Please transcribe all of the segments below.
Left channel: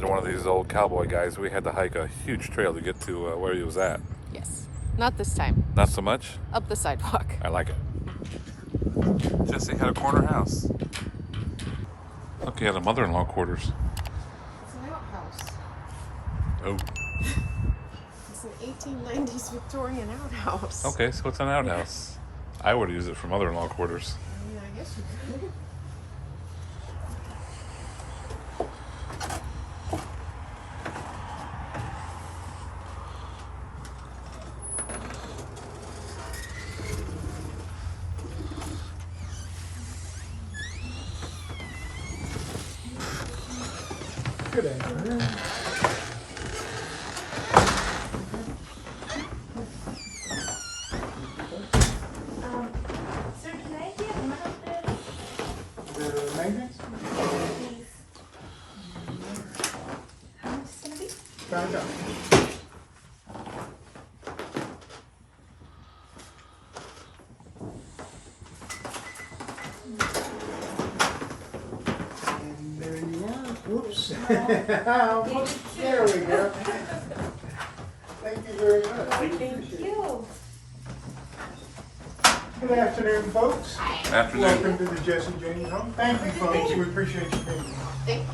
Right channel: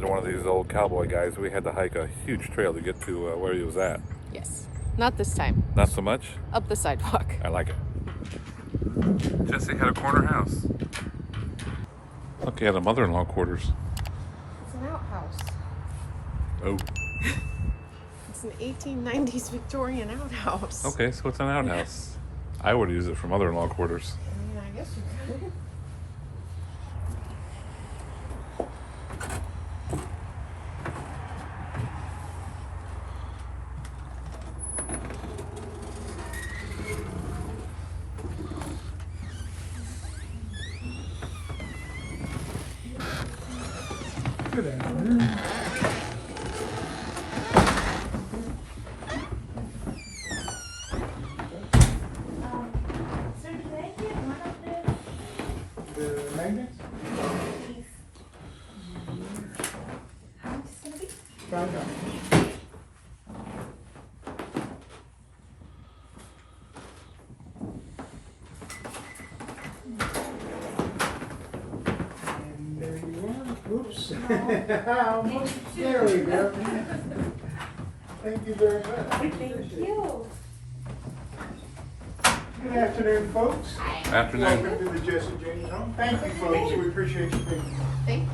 to one of these old cowboy guys. We had to hike a huge trail to get to where he was at. Yes. Not this time. Not so much? Up the sidewalk. I like it. Jesse had a corner house. Look, he had a mother-in-law quarters. It's an outhouse. Oh. It's an 1890s Victorian outhouse. Okay, so it's an outhouse. I would use it for mother-in-law quarters. I guess you could. Good afternoon. Sir, can I get one of this? The maintenance? Please. How much is it gonna be? $5. And there you are. Whoops. There we go. Thank you very much. Thank you. Good afternoon, folks. Afternoon. Welcome to the Jesse James home. Thank you, folks. We appreciate you being here. Thank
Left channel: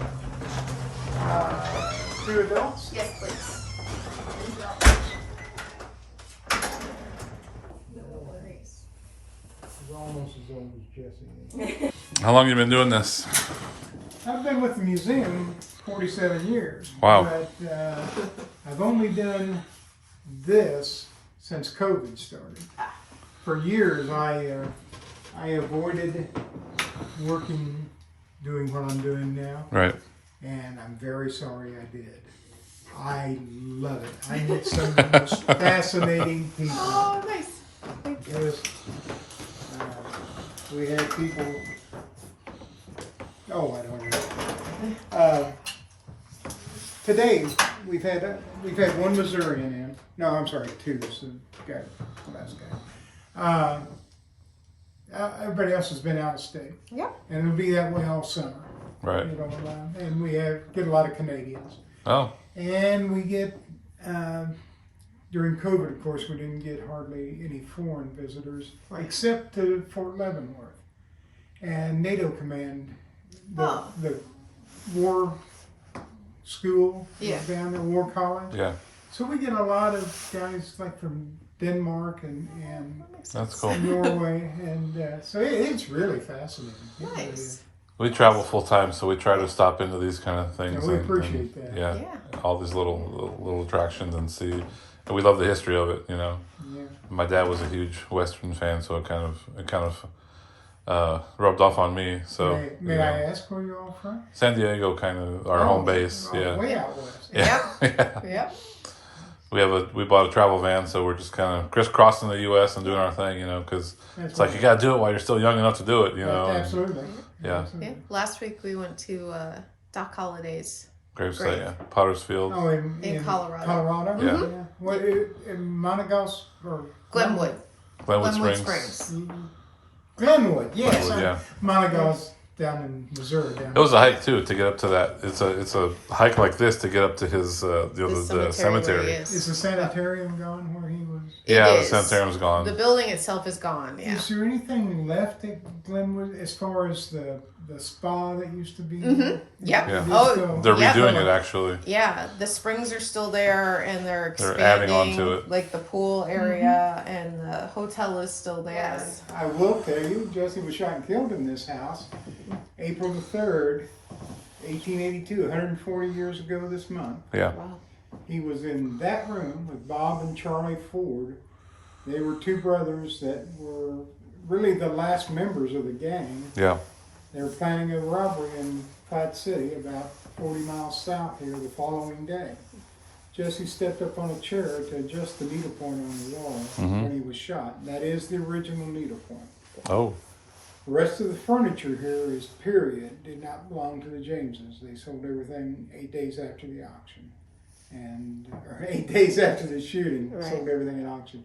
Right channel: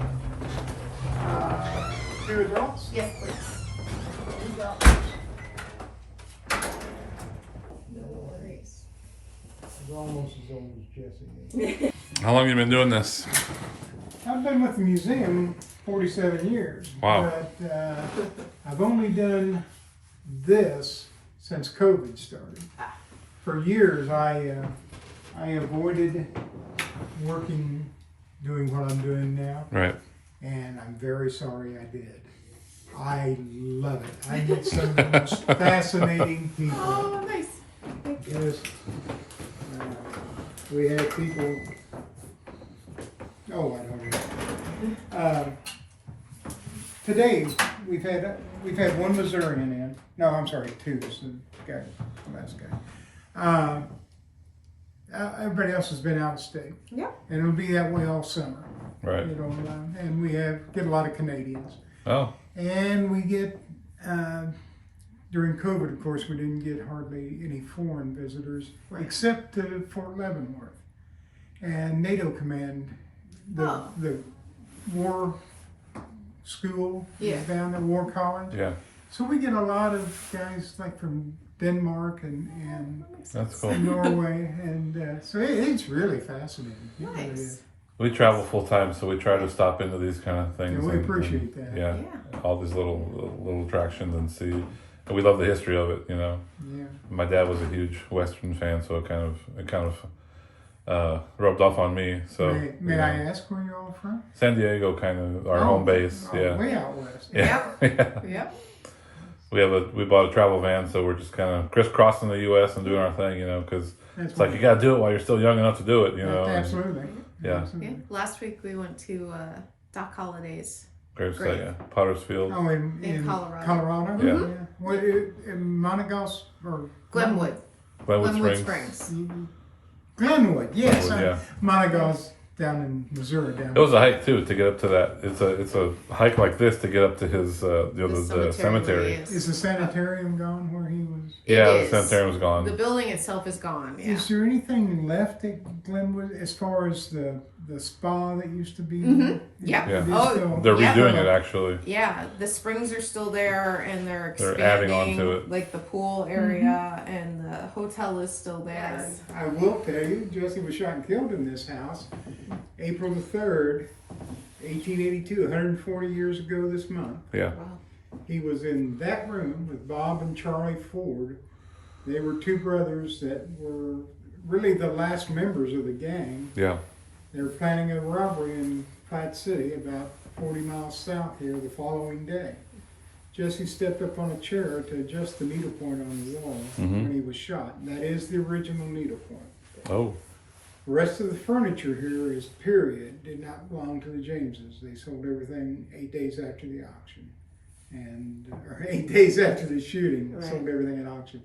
you. 2 adults? Yes, please. No worries. He's almost as old as Jesse is. How long you been doing this? I've been with the museum 47 years. Wow. But I've only done this since COVID started. For years, I avoided working, doing what I'm doing now, Right. and I'm very sorry I did. I love it. I meet some of the most fascinating people. Oh, nice. Yes. We had people. Oh, I don't know. Today we've had one Missourian in. No, I'm sorry, 2. It's the guy, the last guy. Everybody else has been out of state, Yeah. and it'll be that way all summer. Right. You know, and we get a lot of Canadians, Oh. and we get. During COVID, of course, we didn't get hardly any foreign visitors, except to Fort Leavenworth. And NATO Command, the war school Yeah. down there, War College. Yeah. So we get a lot of guys like from Denmark and That's cool. Norway, and so it's really fascinating. It really Nice. is. We travel full time, so we try to stop into these kind of things. Yeah, we appreciate that. Yeah, Yeah. all these little attractions and see, and we love the history of it. You know, Yeah. my dad was a huge Western fan, so it kind of rubbed off on me. So May you I know, ask where you're all from? San Diego, kind of our home base. Oh, Yeah, way out west. yeah, yeah. Yep. We bought a travel van, so we're just kind of crisscrossing the U.S. and doing our thing. You know, because That's it's like you got to do it while you're still young enough to do it. You know, and Absolutely. Yeah. Absolutely. Yeah. Last week we went to Doc Holliday's. gravesite, Great. yeah, Potter's Field. Oh, In Colorado. Colorado? Yeah. What, in Monagas or? Glenwood. Glenwood Glenwood Springs. Springs. Glenwood, yes. Glenwood, yeah. Monagas down in Missouri. It was a hike too to get up to that. It's a hike like this to get up to his the cemetery. where he Is the sanitarium gone where he was? Yeah, It the is. sanitarium's The gone. building itself is gone. Yeah. Is there anything left at Glenwood as far as the spa that used to be there? Yeah. Yeah. It is Oh, still- They're Yeah. redoing it actually. Yeah, the springs are still there, and they're They're expanding. adding on to it. Like the pool area, and the hotel is still there. Yes. I will tell you, Jesse was shot and killed in this house, April the 3rd, 1882, 140 years ago this month. Yeah. Wow. He was in that room with Bob and Charlie Ford. They were 2 brothers that were really the last members of the gang. Yeah. They were planning a robbery in Platte City, about 40 miles south here, the following day. Jesse stepped up on a chair to adjust the needlepoint on the wall when he was shot. That is the original needlepoint. Oh. The rest of the furniture here is period, did not belong to the Jameses. They sold everything 8 days after the auction. Or 8 days after the shooting, Right. sold everything at auction.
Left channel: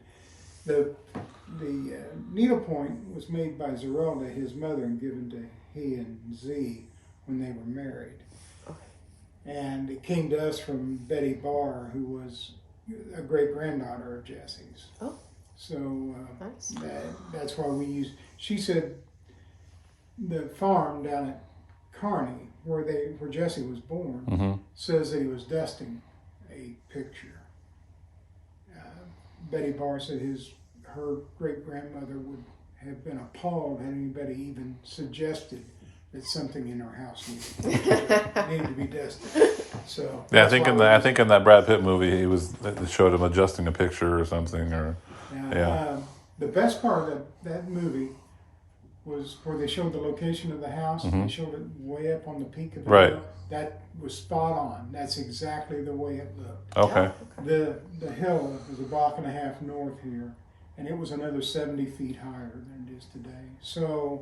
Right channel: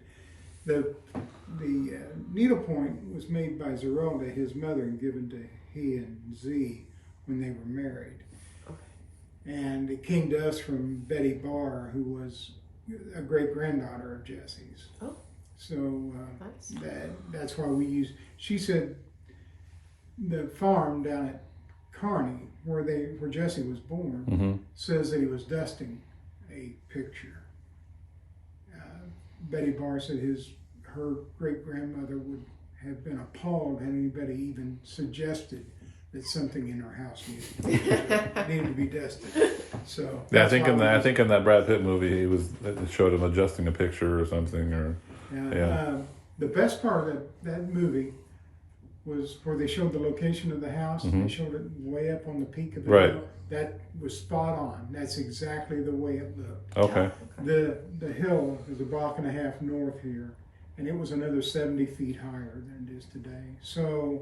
The needlepoint was made by Zeralda, his mother, and given to he and Z when they were married. And it came to us from Betty Barr, who was a great granddaughter of Jesse's. Oh. So Nice. that's why we use. She said the farm down at Kearney, where Jesse was born, Mm-hmm. says that he was dusting a picture. Betty Barr said her great grandmother would have been appalled had anybody even suggested that something in her house needed to be dusted. So Yeah, I that's think why in we use in that Brad Pitt movie, it showed him adjusting a picture or something, or yeah. The best part of that movie was where they showed the location of the house. Mhm. They showed it way up on the peak of the Right. hill. That was spot on. That's exactly the way it looked. Okay. The hill is a block and a half north here, and it was another 70 feet higher than it is today. So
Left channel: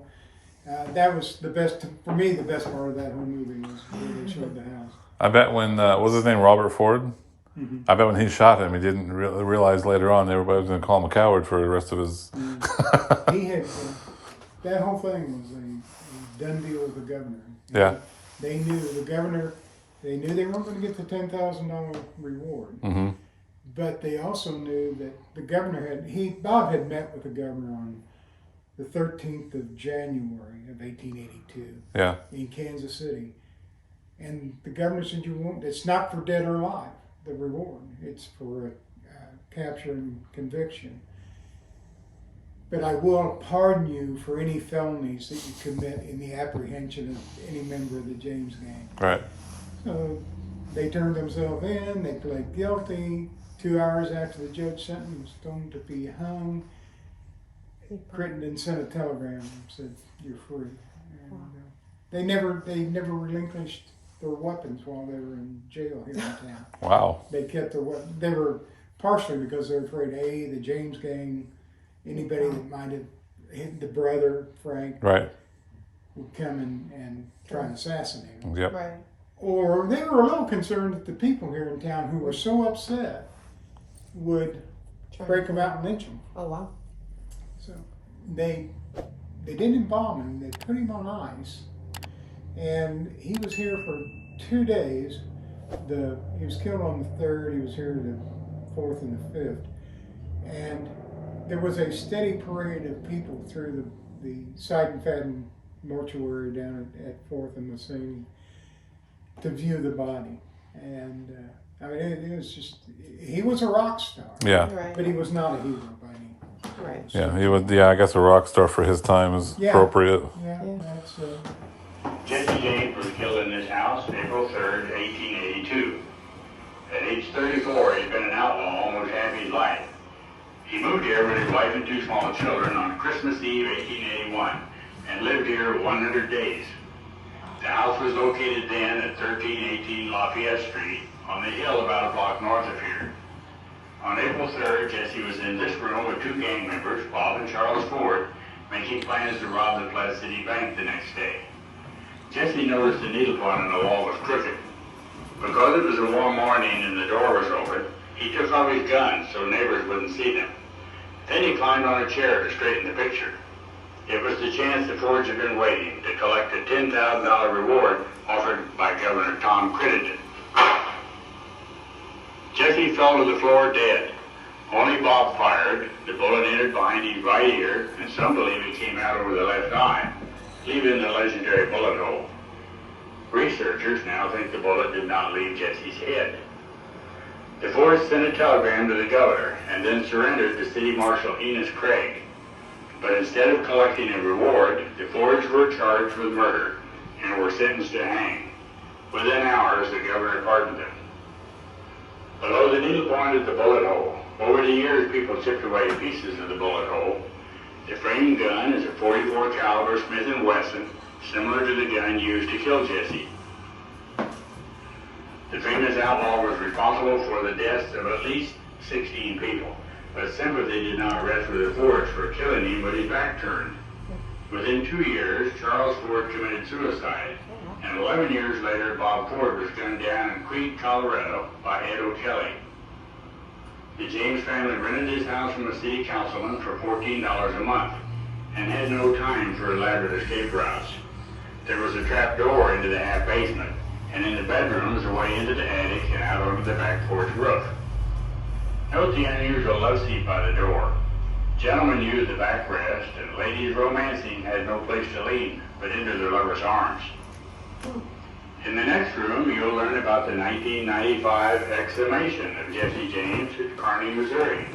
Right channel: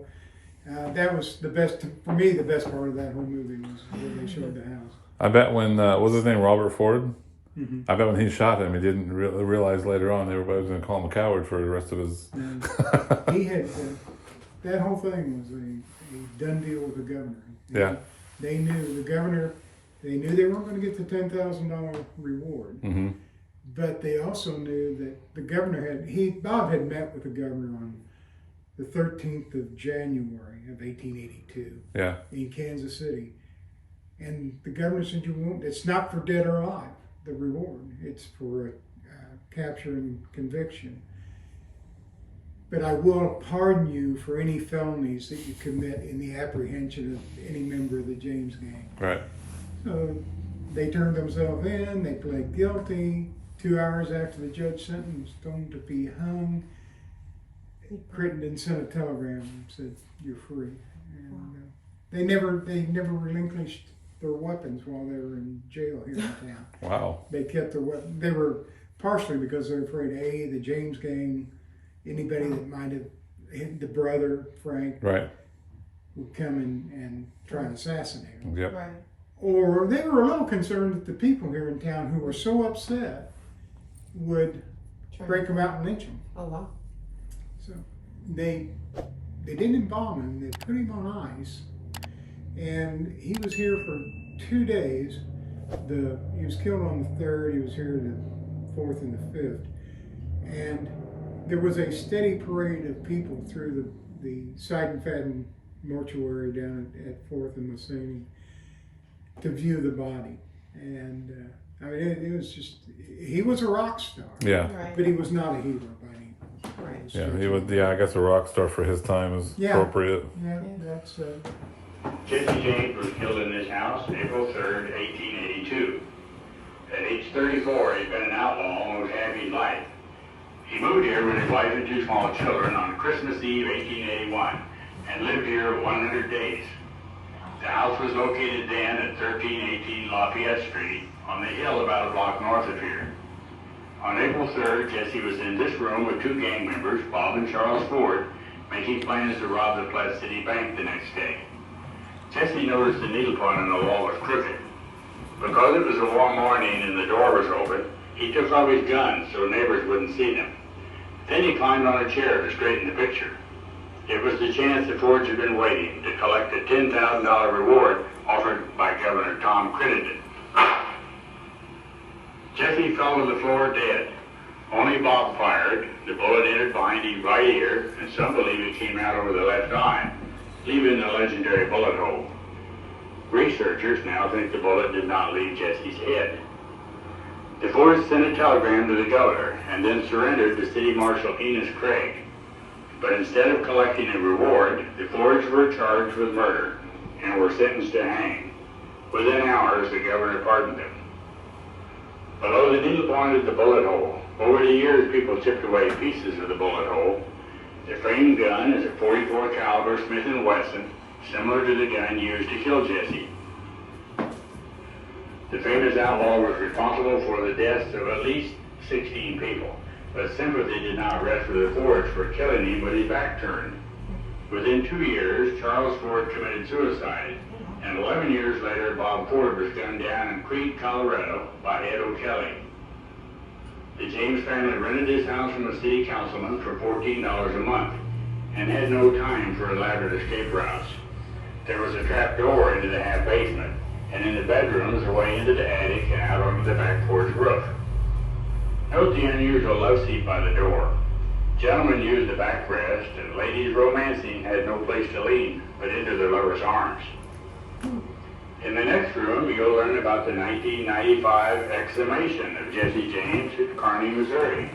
that was the best, for me, the best part of that whole movie was where they showed the house. I bet when what was his name, Robert Ford? Mhm. I bet when he shot him, he didn't realize later on everybody was going to call him a coward for the rest of his. He had that whole thing was a done deal with the governor. Yeah. They knew the governor. They knew they weren't going to get the $10,000 reward, Mm-hmm. but they also knew that the governor Bob had met with the governor on the 13th of January of 1882 Yeah. in Kansas City, and the governor said, it's not for dead or alive, the reward. It's for capture and conviction. But I will pardon you for any felonies that you commit in the apprehension of any member of the James gang. Right. So they turned themselves in, they pled guilty. 2 hours after the judge sentenced them to be hung, Crittenden sent a telegram and said, "You're free." And they never relinquished their weapons while they were in jail here in town. Wow. They kept their weapons. They were partially because they're afraid the James gang, anybody that might have hit the brother Frank, Right. would come and try and assassinate him. Yep. Right. Or they were a little concerned that the people here in town who were so upset would break them out and lynch him. Oh wow. So they didn't embalm him. They put him on ice, and he was here for 2 days. He was killed on the 3rd. He was here the 4th and the 5th, and there was a steady parade of people through the Seidenfaden mortuary down at 4th and Massini to view the body. And I mean, it was just, he was a rock star. Yeah. Right. But he was not a hero by any. Right. Yeah. He was. Yeah. I guess a rock star for his time is Yeah. appropriate. Yeah, Yeah. that's. Jesse James was killed in this house April 3rd, 1882. At age 34, he'd been an outlaw almost half his life. He moved here with his wife and 2 small children on Christmas Eve, 1881, and lived here 100 days. The house was located then at 1318 Lafayette Street on the hill about a block north of here. On April 3rd, Jesse was in this room with 2 gang members, Bob and Charles Ford, making plans to rob the Platte City Bank the next day. Jesse noticed the needle point on the wall was crooked. Because it was a warm morning and the door was open, he took off his gun so neighbors wouldn't see them. Then he climbed on a chair to straighten the picture. It was the chance the Fords had been waiting to collect a $10,000 reward offered by Governor Tom Crittenden. Jesse fell to the floor dead. Only Bob fired. The bullet entered behind his right ear, and some believe it came out over the left eye, leaving the legendary bullet hole. Researchers now think the bullet did not leave Jesse's head. The Fords sent a telegram to the governor and then surrendered to City Marshal Enos Craig. But instead of collecting a reward, the Fords were charged with murder and were sentenced to hang. Within hours, the governor pardoned them. Below the needle point of the bullet hole, over the years people chipped away pieces of the bullet hole. The framed gun is a .44 caliber Smith & Wesson, similar to the gun used to kill Jesse. The famous outlaw was responsible for the deaths of at least 16 people, but sympathy did not rest with the Fords for killing him with his back turned. Within 2 years, Charles Ford committed suicide, and 11 years later, Bob Ford was gunned down in Crete, Colorado by Ed O'Kelly. The James family rented his house from a city councilman for $14 a month and had no time for elaborate escape routes. There was a trap door into the half basement, and in the bedrooms away into the attic and out onto the back porch roof. Note the unusual love seat by the door. Gentlemen used the backrest, and ladies romancing had no place to lean but into their lovers' arms. In the next room, you'll learn about the 1995 exhumation of Jesse James at Kearney, Missouri.